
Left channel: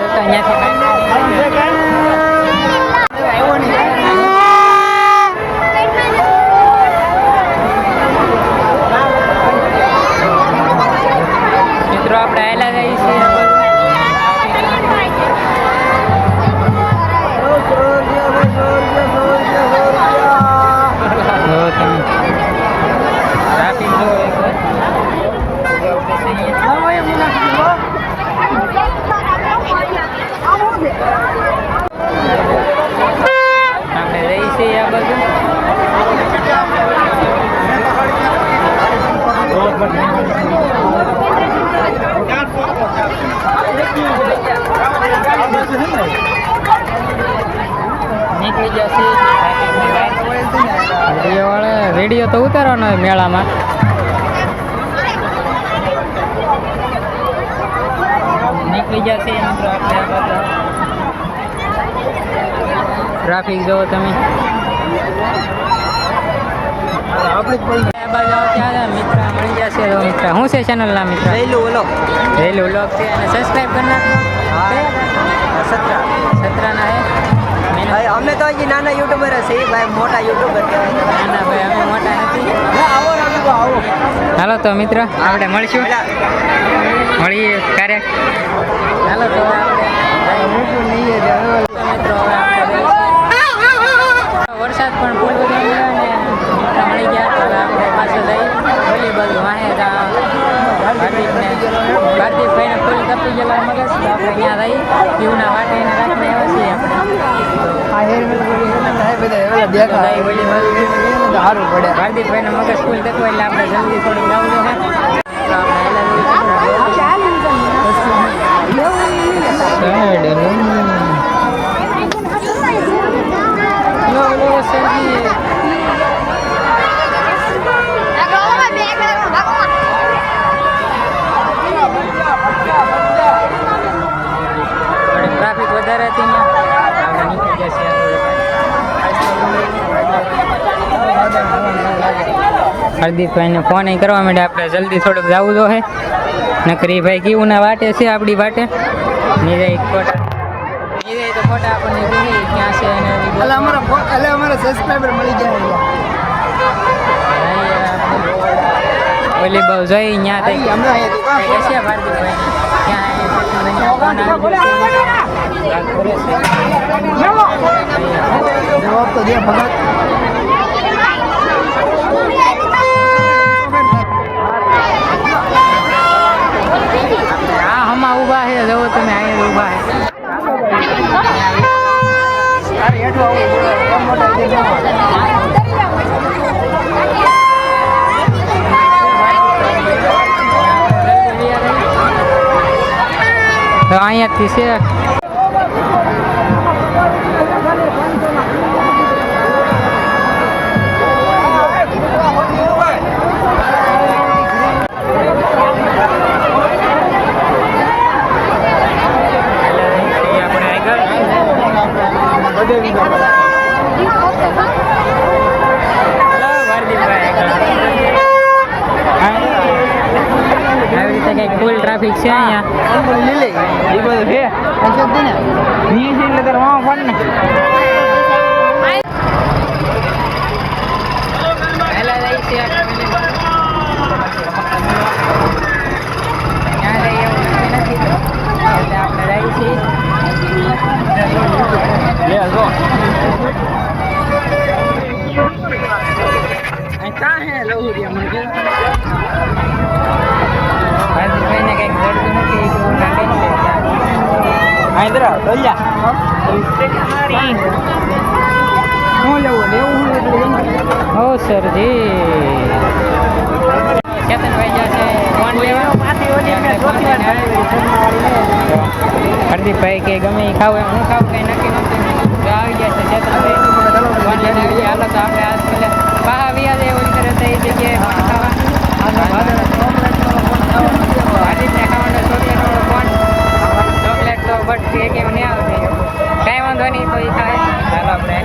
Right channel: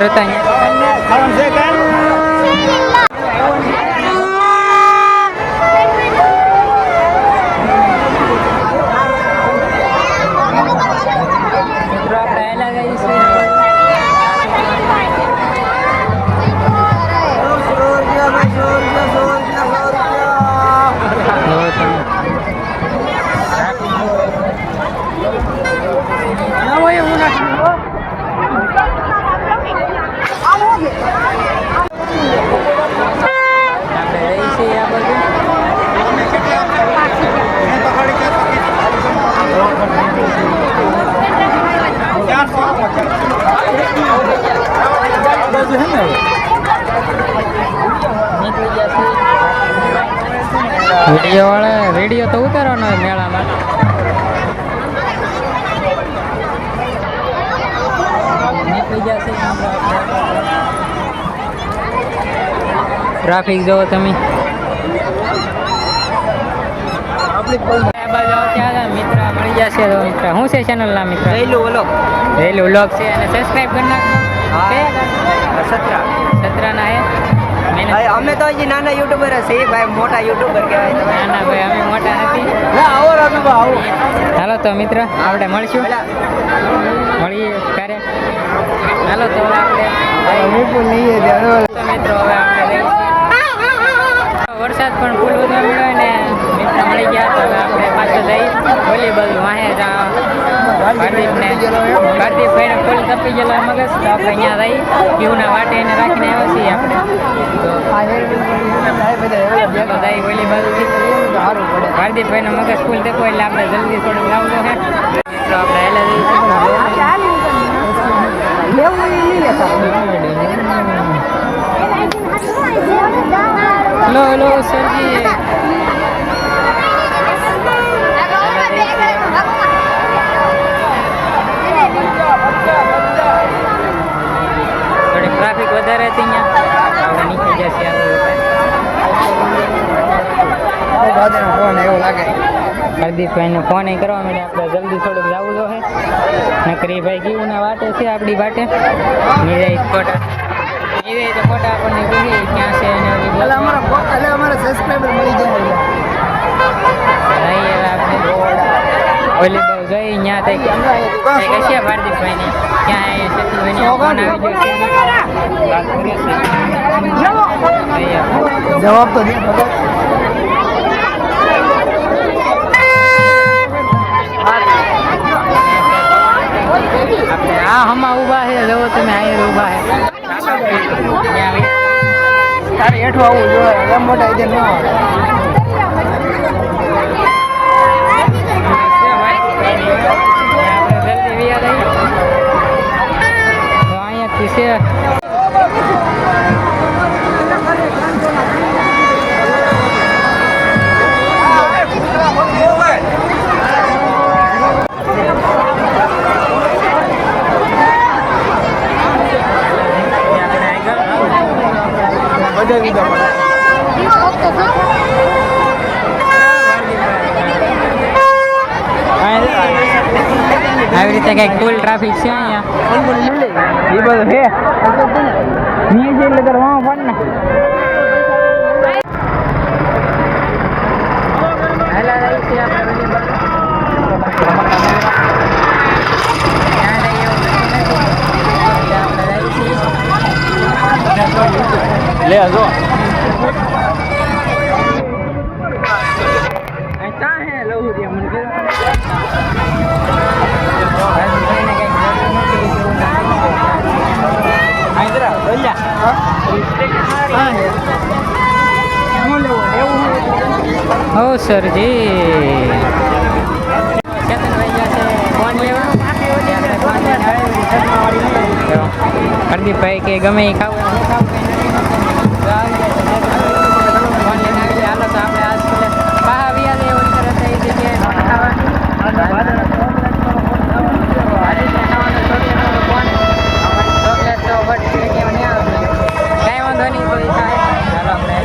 હતા અહીંયા મિત્રો આપણે આવેલા જઈએ છીએ ટ્રાફિક જો એકવાર આપણે જઈએ છીએ આ બાજુ નીકળી જશે વિડીયો તો ઉતારવાનો હોય મેળામાં નીકળી જશે મિત્રો આપણે ટ્રાફિક જોવો તમે મિત્ર મળી જશે તો મિત્ર શું છે ચેનલના મિત્ર રેલું વ્લોગ છે અને સબસ્ક્રાઈબ કરી નાખો સત્રાના હે અમે તો હજી નાના યુટ્યુબર છે ભાઈ મોટા યુટ્યુબર કહેવાય ના ભાઈ અમે મોટા નથી હાલો તો મિત્ર આપણે મળીશું મળીએ ક્યારેક હાલો તો આપણે મિત્રો હવે આપણે વરસાદ પણ ફૂલ વધવા મળ્યો ને મિત્ર મળી ગયા તો હવે આપણે પાછળ જઈ વોલીબોલ વાહે ભારદીપભાઈને ફૂલ તપી ગયેલો મગજ તો આપણે અહીંયા જઈ પીવના વાટે એને રાખીને આવ્યા છીએ આપણે જઈ વોલીબોલ ભારદીપભાઈનો મગજ ફૂલ તપો એટલે આપણે જલ્દી થોડુંક લાવવું તો હે તો આપણે હેલા જઈએ સરજી થોડી ટ્રાફિક વધારે હતી અહીંયા આપણે નીકળી જશે હરદીપભાઈને ફોન કરવા માટે આપણે જલ્દી થોડુંક જવું તો હે નકરી ભાઈ કેવું ના વાટે છે આપણી વાટે નિરાઈ ફોટા નિરાઈ તો ફોટા આપણને કહી ક્યાં છે અને અમારા સબસ્ક્રાઇબર મળી જાય હવે આપણે વોલીબોલ જોઈ ત્યાં તઈ કશે ભારદીપભાઈની ક્યાં શત્રુભાઈની ફોન આવી ગયો છે વાત કરે છે જવાબ તો દે આપણે આ હમા ઊભા છે જવો તમે અહીંયા ઊભા છે તારે હેઠું આવવું જોઈએ એમ મોટા ઇધર ન આવે આપણે જલ્દી વિયા રહી તો અહીંયાથી છે રીતે કંઈક ફૂલ ટ્રાફિક છે અહીંયા. એ બધું છે નહીં છે એટલે તારે વાં ફોન ને પહેલા જાય છે આપણે ત્યાં જઈએ એવું નથી એટલે આપણે જાય છીએ લે જો ભાઈને કંઈક જડતું નથી એવું નાખી હો સરજી ચેતનભાઈ જશે ફોન લેવા આપણે ફોન લઈને આવે હરદીપભાઈ કે ગમે એ ખાવું હું ખાવું કંઈ નક્કી નહોતું જો આવી જાય છે ચેતનભાઈ ફોન લઈને આવી જાય હાલો તો આપણે આજ પેલા બહાર વ્યા જાય ઓલી તરફ એ જગ્યાએ ફોન ખાવા હાર્દિકને ખાવાનો ચોકલેટ વાળો ફોન ચોકલેટ તો બટ કે નહીં આવશે કાંઈ વાંધો નહીં તો એ થાય ચાલો આપણે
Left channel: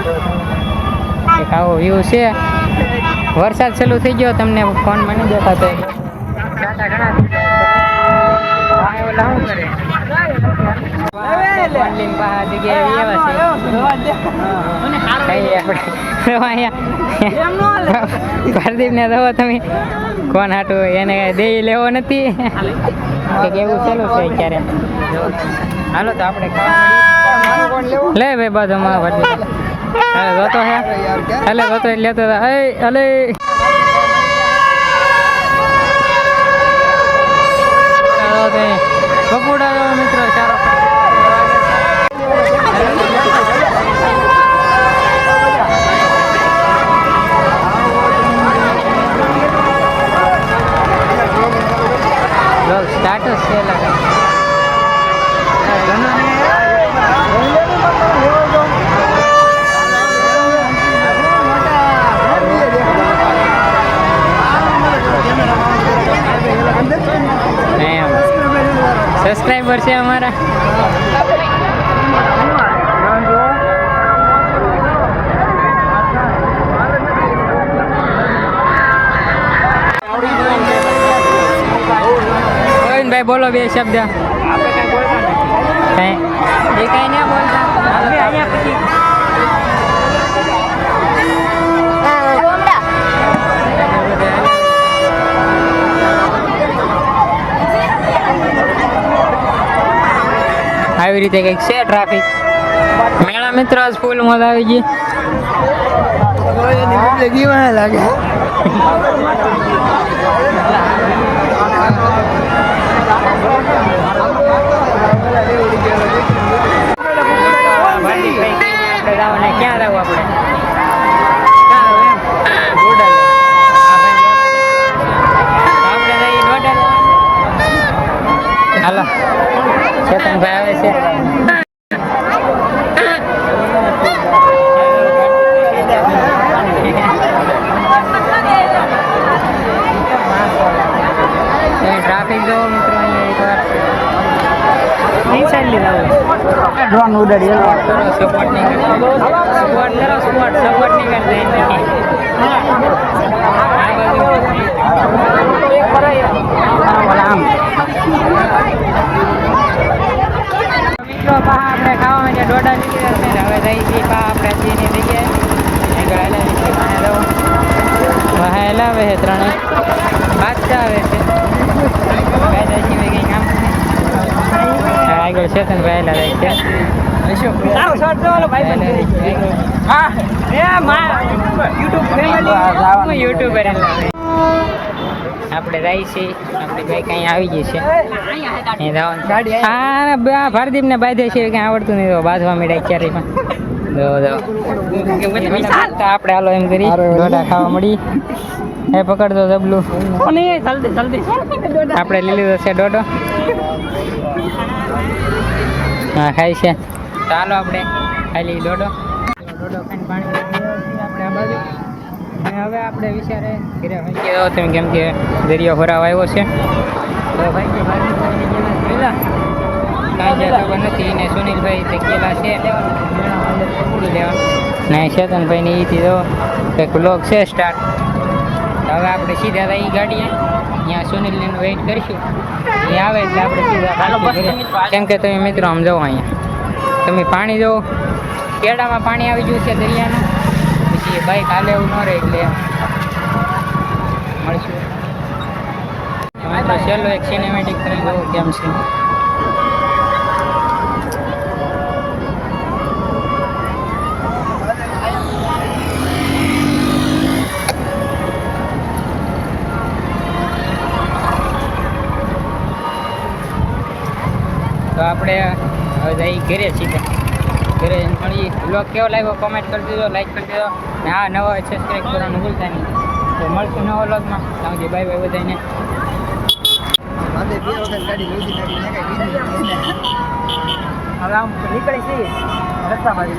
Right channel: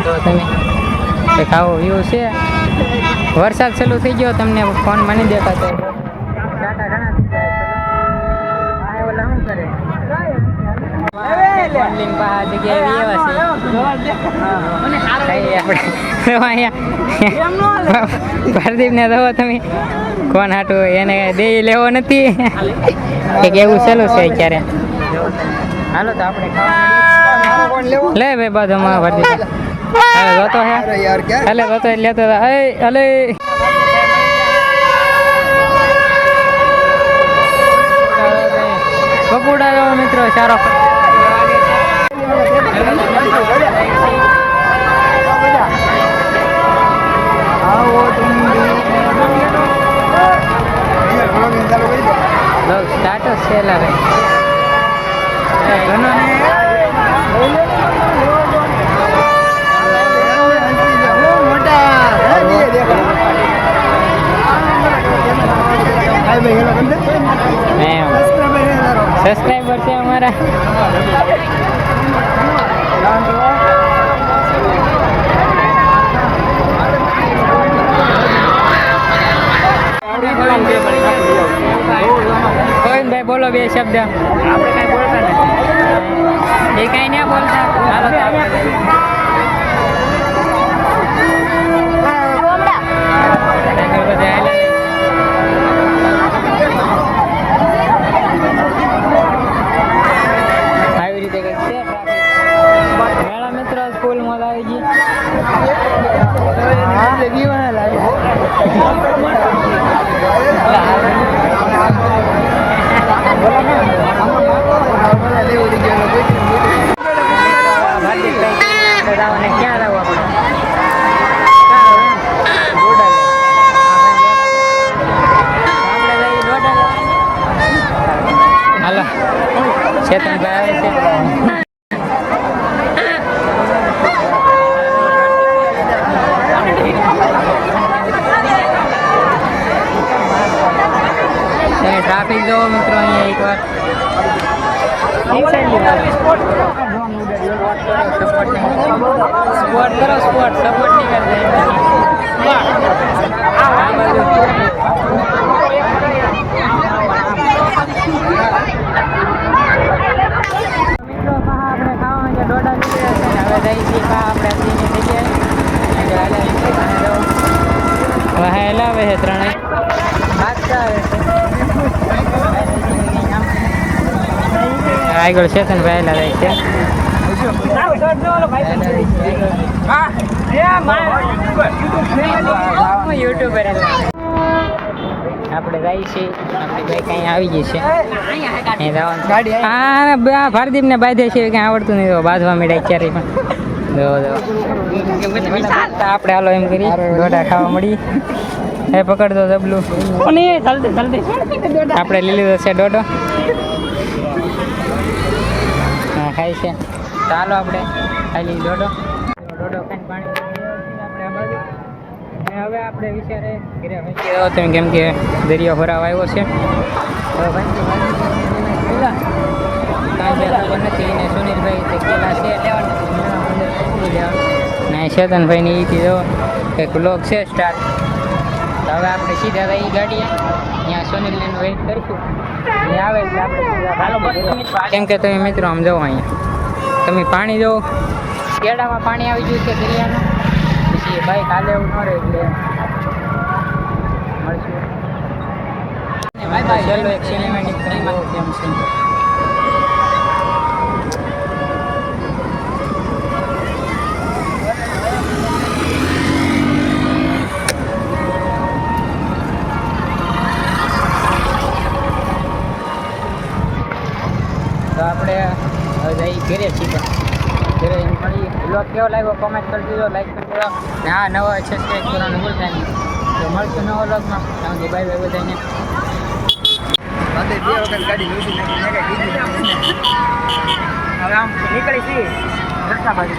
તો તમે એક આવો વ્યૂ છે વરસાદ ચાલુ થઈ ગયો તમને ફોન મને દેખાતો ઘણા પ્રદીપ ને દો તમે કોણ હાટું એને દે લેવો નથી કે કેવું ચાલુ છે અત્યારે હાલો તો આપણે ખાવા મળીએ લે ભાઈ બાજુમાં પ્રદીપ હવે જોતો હે એટલે જોતો લેતો અલે બપોડા મિત્રો સારો સ્ટાર્ટસ છે સબસ્ક્રાઈબર છે અમારા ભાઈ બોલો બે શબ્દ આપણે કાંઈ બોલતા નથી એ કાંઈ ના બોલતા હાલો તો આપણે આવી રીતે કંઈક છે ટ્રાફિક મેળા મિત્રો આજ ફૂલ મજા આવી ગઈ લાગે આપણે જવાને ક્યાં રહું આપણે આપણે જઈએ ડોડા હાલો ચેતનભાઈ આવે છે ટ્રાફિક જો મિત્રો અહીંયા એકવાર ડ્રોન ઉડાડી સપોર્ટ કરો સપોર્ટ નહીં કરતા સપોર્ટ કરો સપોર્ટ નહીં કરતા આ બાજુ મિત્રો આપણે ખાવા માટે ડોડા નીકળ્યા છે ને હવે જઈ છીએ આપણે ની જગ્યાએ આગળ વાહ લાવે છે ત્રણે બાદશાહ આવે છે આગળ ચેતન પહેલા જાય છે યુટ્યુબર આપણે જાય છીએ આપણી બાઈક અહીંયા આવી ગઈ છે હા ભારદીપ ને બાંધે છે કંઈ આવડતું નહીં તો બાંધવા મળ્યા ક્યારે પણ આપણે હાલો એમ કરી ડોડા ખાવા મળી એ પકડતો જબલું આપણે લઈ લીધો છે ડોડો હા ખાઈ છે ચાલો આપણે ખાલી ડોડો હવે આપણે વિચારે તમે કેમ કે દરિયો ભરાવ આવ્યો છે તો ભાઈ કાંઈ જ્યાં ખબર નથી ને સુનિલભાઈ તે ગયેલા છે લેવા ને ચેતનભાઈ ને એથી જો કંઈક બ્લોગ છે સ્ટાર્ટ હવે આપણે સીધા થઈ ગાડીએ અહીંયા સુનિલને વેઇટ કરીશું એ આવે એટલે આપણે સીધા પાછું ઘરે. કેમ કે તમે મિત્રો આમ જાઓ અહીંયા તમે પાણી જુઓ કેડામાં પાણી આવી ગયું છે દરિયાનું પછી બાઈક હાલે એવું ન રહે એટલે મળશું. તમે તો છેલ્લો એક સિનેમેટિક કરીને જોવો કેમ છે. તો આપણે હવે જઈ ઘરે સીધા ઘરે મળીએ. બ્લોગ કેવો લાગ્યો કોમેન્ટ કરી દીધો, લાઈક કરી દીધો ને હા નવો સબસ્ક્રાઈબ કરવાનું ભૂલતા નહીં. તો મળશું નવો વ્લોગમાં. ત્યાં સુધી બાય બાય બધાને. હવે આમ નીકળી છીએ રસ્તા બાજુ